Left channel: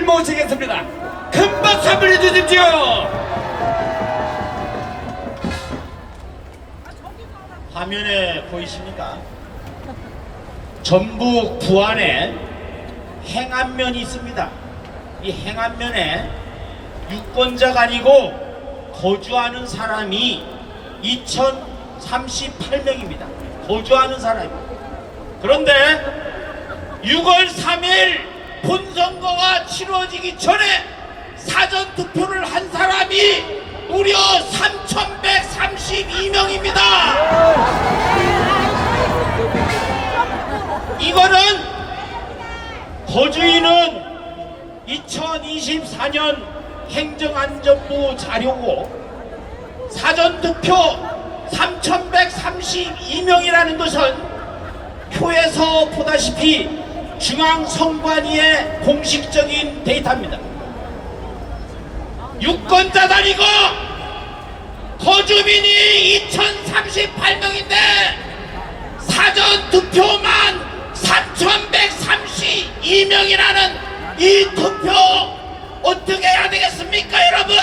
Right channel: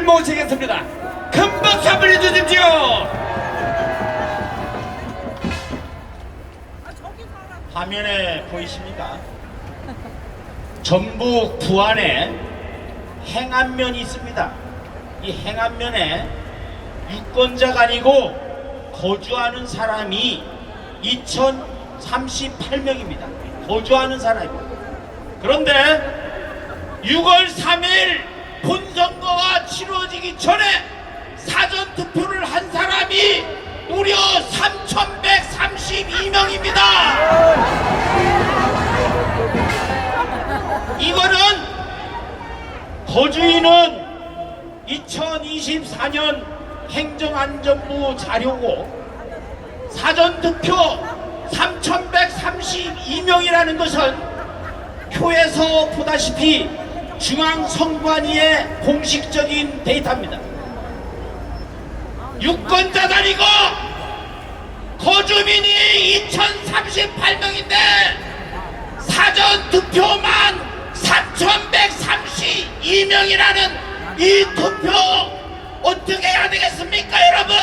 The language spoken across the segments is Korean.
모시겠습니다. 큰 박수 한번 해주십시오. 화면에 보이십니까? 전북 부안에 행안면이 있습니다. 이 행안면에 유권자가 아니고 거주하는 사람이 2038명입니다. 거주하는 사람이. 그런데 6월 3일 본선거가 치러지기 전에 사전 투표를 한 사람이 무려 3,132명입니다. 이거는 거주인은 2024년 행정안전부 자료고 사전투표 3,132명이라는 것은 표에서 보다시피 중앙선관위의 공식적인 데이터입니다. 유권자단이고 거주민이 2,038명인데 사전 투표만 3,132명이라는 이 투표 어떻게 해야 되겠습니까 여러분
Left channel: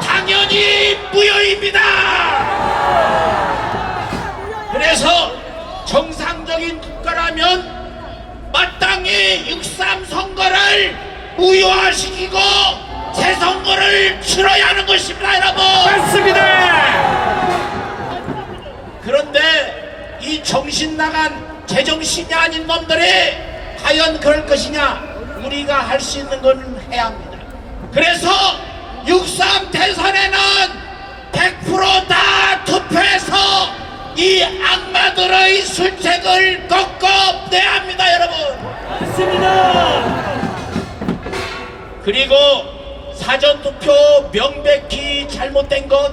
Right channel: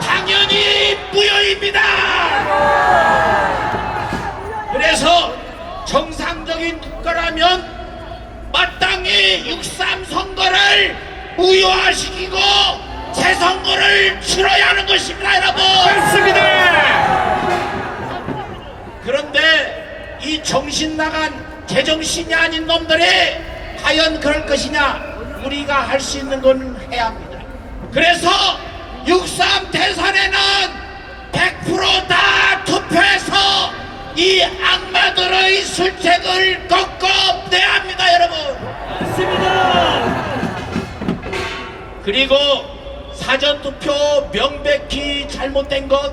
당연히 무효입니다 그래서 정상적인 국가라면 마땅히 6.3 선거를 무효화시키고 새 선거를 치러야 하는 것입니다 여러분 맞습니다. 그런데 이 정신 나간 제정신이 아닌 놈들이 과연 그럴 것이냐 우리가 할 수 있는 건 해야 합니다 그래서 6.3 대선에는 100%다 투표해서 이 악마들의 술책을 꺾어내야 합니다 여러분 맞습니다. 그리고 사전투표 명백히 잘못된 것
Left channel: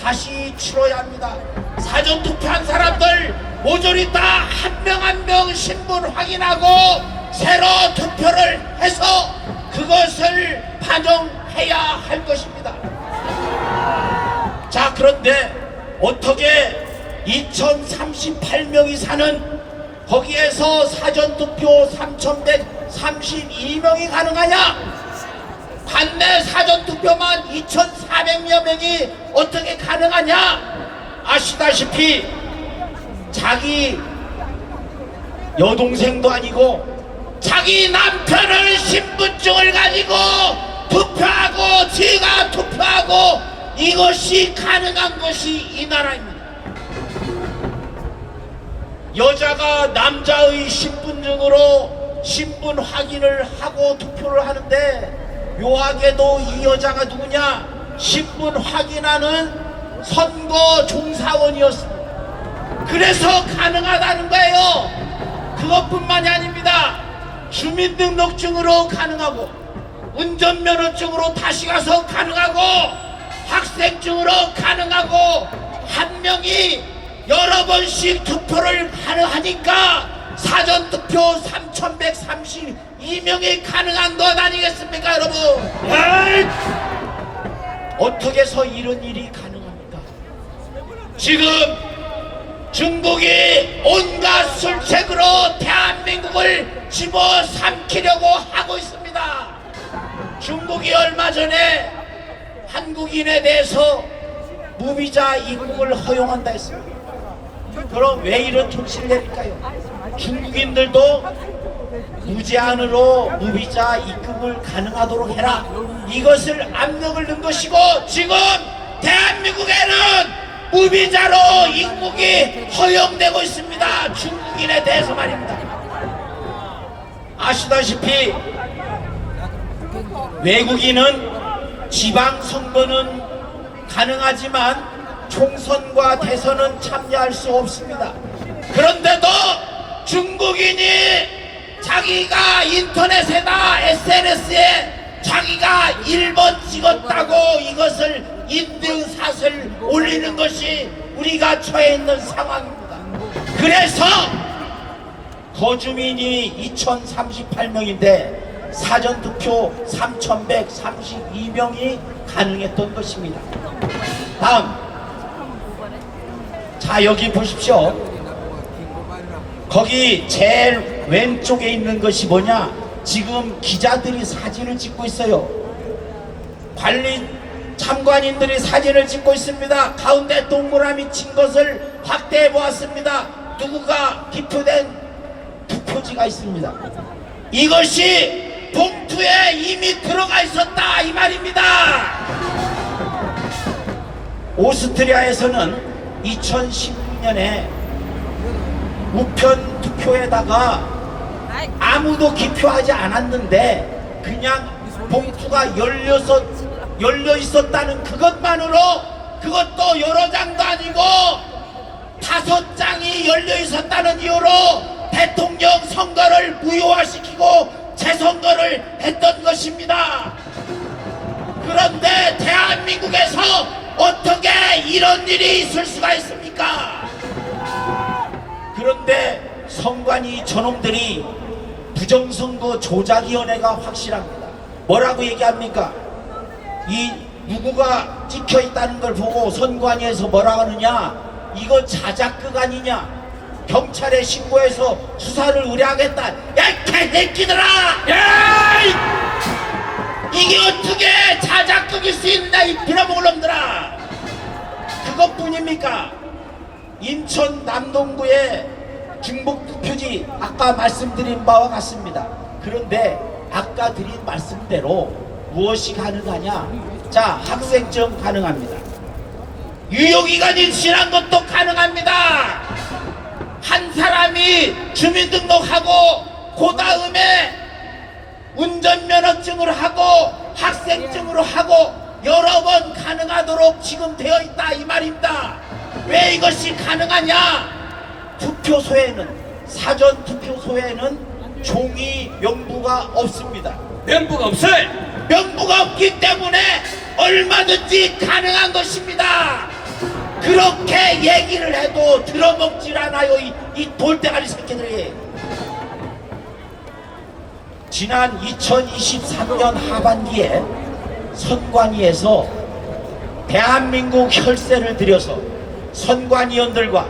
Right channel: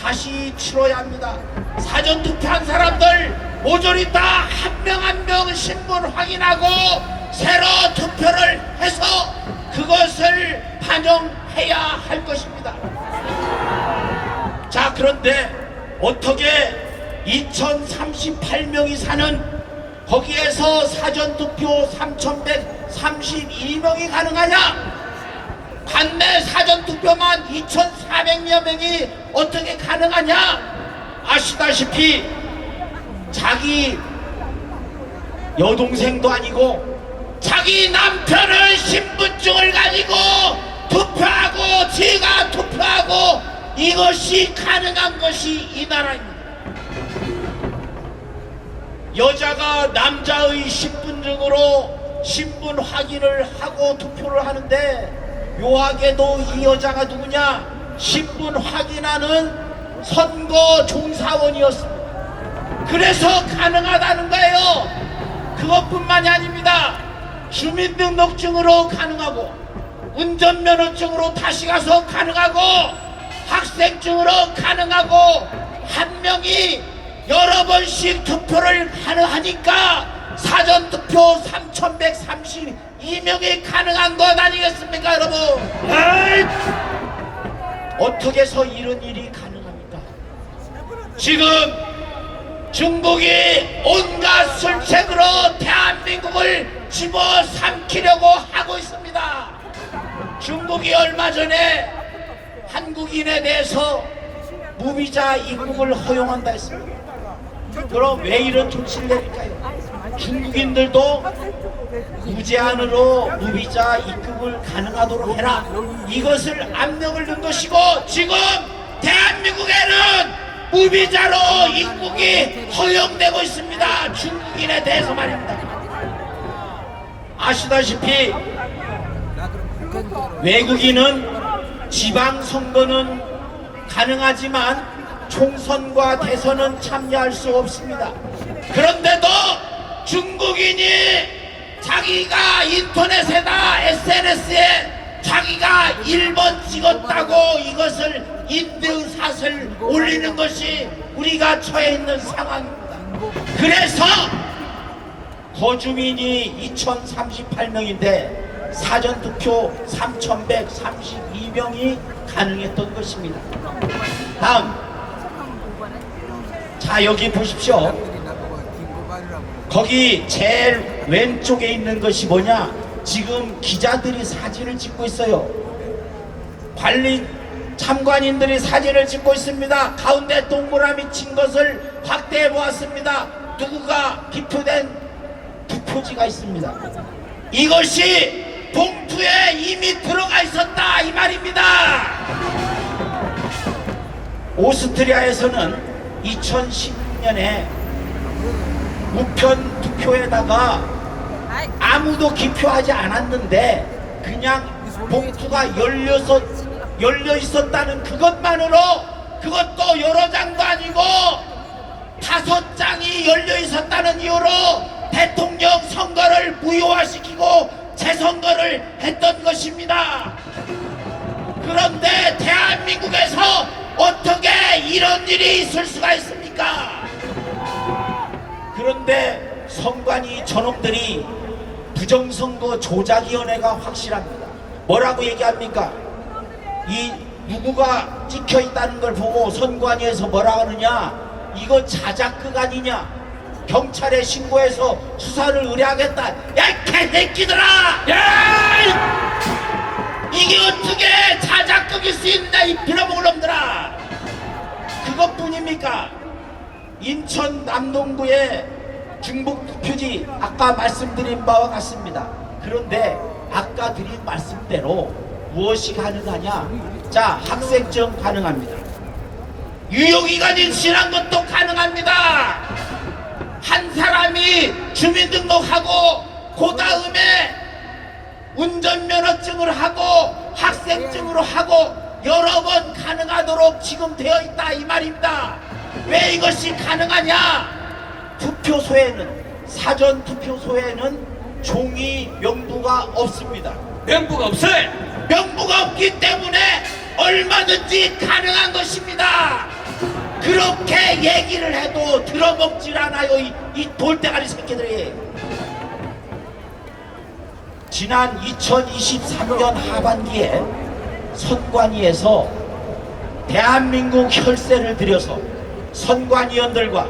다시 치러야 합니다. 사전투표한 사람들 모조리 다 한 명 한 명 신분 확인하고 새로 투표를 해서 그것을 반영해야 할 것입니다. 자 그런데 어떻게 2038명이 사는 거기에서 사전투표 3132명이 가능하냐? 반내 사전투표만 2,400여 명이 어떻게 가능하냐? 아시다시피 자기 여동생도 아니고 자기 남편을 신분증을 가지고 투표하고 지가 투표하고 이것이 가능한 것이 이 나라입니다. 여자가 남자의 신분증으로 신분 확인을 하고 투표를 하는데 묘하게도 이 여자가 누구냐 신분 확인하는 선거 종사원이었습니다. 그래서 가능하다는 거예요. 그것뿐만이 아닙니다. 주민등록증으로 가능하고 운전면허증으로 다시 가서 가능하고 학생증으로 가능하고 한 명이 여러 번씩 투표를 하니까 사전 투표 3,132명이 가능한 것 아니겠습니까 여러분? 어떻게 해서 이런 일이 가능합니까? 지금 중국이 온갖 술책으로 대한민국을 집어삼키려고 하고 있습니다. 중국이 얼마 전에 한국인에 대해서 무비자 입국을 허용한다 했습니다 그럼 왜 이런 조치를 내릴까요? 중국인들도 무제한으로 무비자 입국을 가능하도록 해라. 이것을 압력을 넣은 것이고 지금 대한민국에는 무비자로 입국이 허용되고 있습니다. 중국인에 대해서 말입니다. 아시다시피 외국인은 지방 선거는 가능하지만 총선과 대선은 참여할 수 없습니다. 그런데도 중국인이 자기가 인터넷에나 SNS에 자기가 1번 찍었다고 이것을 인증샷을 올리는 것이 우리가 처해 있는 상황입니다. 그래서 거주민이 2038명인데 사전투표 3132명이 가능했던 것입니다. 다음 자 여기 보십시오. 거기 제일 왼쪽에 있는 것이 뭐냐? 지금 기자들이 사진을 찍고 있어요. 관리 참관인들이 사진을 찍고 있습니다. 가운데 동그라미 친 것을 확대해 보았습니다. 누구가 기표된 투표지가 있습니다. 이것이 봉투에 이미 들어가 있었다 이 말입니다. 오스트리아에서는 2016년에 우편 투표에다가 아무도 기표하지 않았는데 그냥 봉투가 열려서 열려 있었다는 그것만으로 그것도 여러 장도 아니고 다섯 장이 열려 있었다는 이유로 대통령 선거를 무효화시키고 재선거를 했던 것입니다. 그런데 대한민국에서 어떻게 이런 일이 있을 수가 있습니까? 그런데 선관위 저놈들이 부정선거 조작위원회가 확실합니다. 뭐라고 얘기합니까? 이 누구가 찍혀 있다는 걸 보고 선관위에서 뭐라 하느냐? 이거 자작극 아니냐? 경찰에 신고해서 수사를 의뢰하겠다. 야, 이 개새끼들아! 야! 이게 어떻게 자작극일 수 있나, 이 빌어먹을 놈들아! 그것뿐입니까? 인천 남동구의 중북 투표지 아까 말씀드린 바와 같습니다. 그런데 아까 드린 말씀대로 무엇이 가능하냐? 자, 학생증 가능합니다. 유효기간이 지난 것도 가능합니다. 한 사람이 주민등록하고 그 다음에 운전면허증을 하고 학생증으로 하고 여러 번 가능하도록 지금 되어 있다 이 말입니다. 왜 이것이 가능하냐? 투표소에는 사전 투표소에는 종이 명부가 없습니다. 명부가 없어요. 명부가 없기 때문에 얼마든지 가능한 것입니다. 그렇게 얘기를 해도 들어먹질 않아요. 이, 이 돌대가리 새끼들이. 지난 2023년 하반기에 선관위에서 대한민국 혈세를 들여서 선관위원들과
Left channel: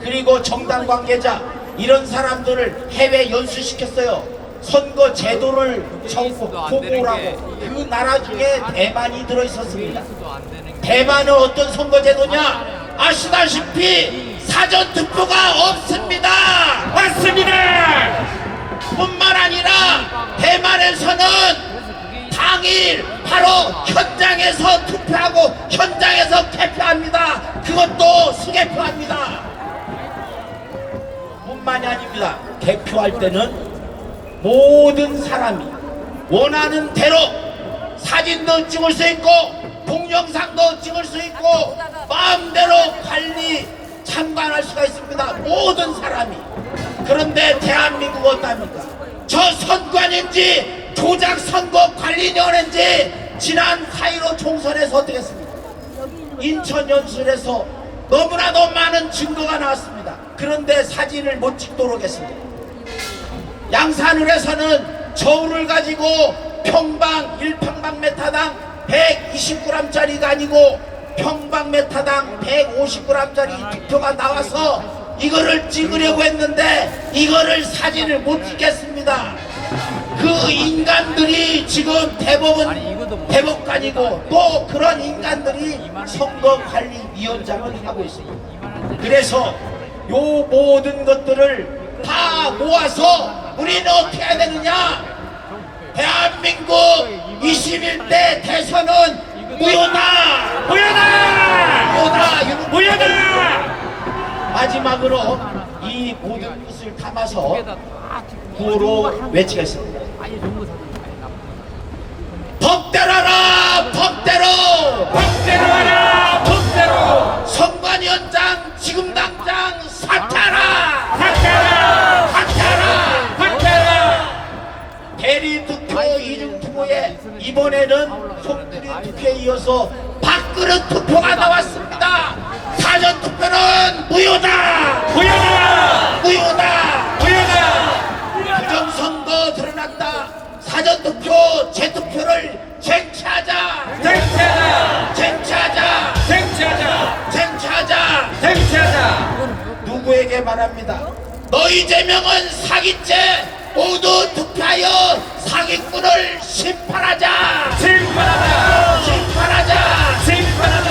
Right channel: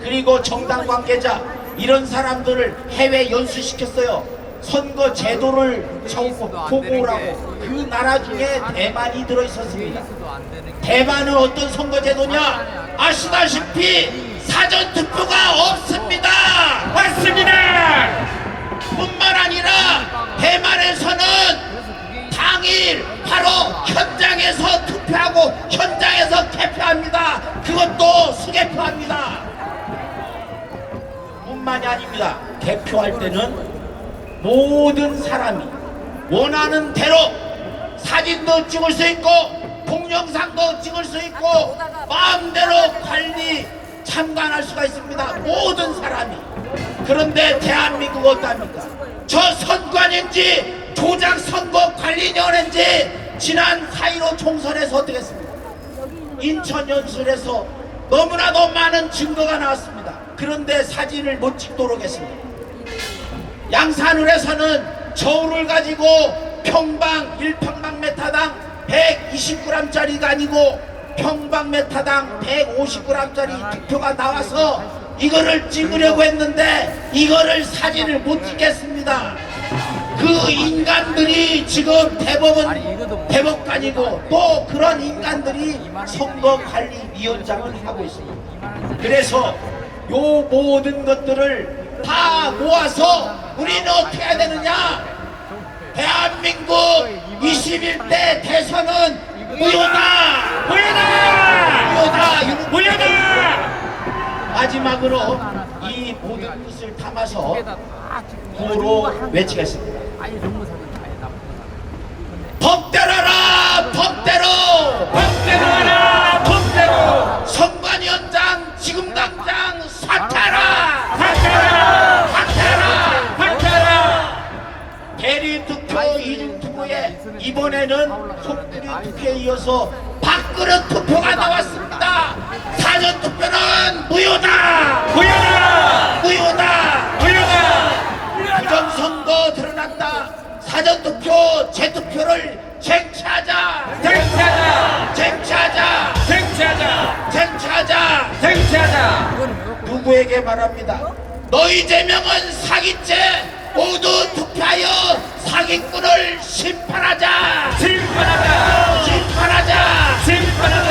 그리고 정당 관계자 이런 사람들을 해외 연수시켰어요. 선거 제도를 정보 보고라고 그 나라 중에 대만이 들어 있었습니다. 대만은 어떤 선거 제도냐? 아시다시피 사전 투표가 없습니다. 맞습니다. 뿐만 아니라 대만에서는 당일 바로 현장에서 투표하고 현장에서 개표합니다. 그것도 수개표합니다. 뿐만이 아닙니다. 개표할 때는 모든 사람이 원하는 대로 사진도 찍을 수 있고 동영상도 찍을 수 있고 마음대로 관리 참관할 수가 있습니다. 모든 사람이. 그런데 대한민국 어떻습니까? 저 선관인지 조작 선거 관리위원회인지 지난 4.15 총선에서 어떻게 했습니까? 인천 연설에서 너무나도 많은 증거가 나왔습니다. 그런데 사진을 못 찍도록 했습니다. 양산을에서는 저울을 가지고 평방 1평방메타당 120g짜리가 아니고 평방메타당 150g짜리 투표가 나와서 이거를 찍으려고 했는데 이거를 사진을 못 찍겠습니다. 그 인간들이 지금 대법원 대법관이고 또 그런 인간들이 선거관리위원장을 하고 있습니다. 그래서 요 모든 것들을 다 모아서 우리는 어떻게 해야 되느냐? 대한민국 21대 대선은 무효다! 무효다! 이거 무효다! 마지막으로 이 모든 것을 담아서 구로 외치겠습니다. 아예 거 사든 아예 나쁜 거 사든 법대로라! 법대로! 법대로 하라! 법대로! 선관위원장 지금 당장 사퇴하라! 학대라! 사퇴하라! 학대라! 대리 투표, 이중 투표에 이번에는 속들이 투표에 이어서 밥그릇 투표가 나왔습니다. 사전 투표는 무효다! 무효다! 무효다! 무효다! 부정 선거 드러났다. 사전 투표, 재투표를 쟁취하자! 쟁취하자! 쟁취하자! 쟁취하자! 쟁취하자! 쟁취하자! 누구에게 말합니다. 너희 제명은 사기죄 모두 투표하여 사기꾼을 심판하자 심판하자. 심판하자 심판하자.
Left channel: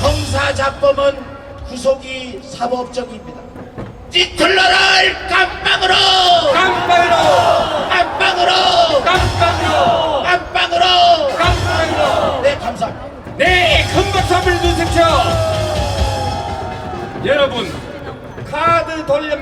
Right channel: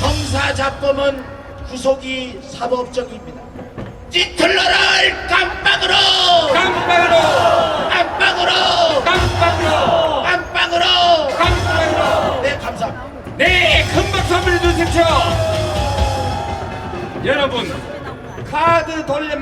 형사자범은 구속이 사법적입니다 찌틀러를 깜빵으로 깜빵으로. 깜빵으로 깜빵으로. 깜빵으로 깜빵으로. 네 감사합니다 네, 큰 박수 한번 주십시오. 여러분, 카드 돌려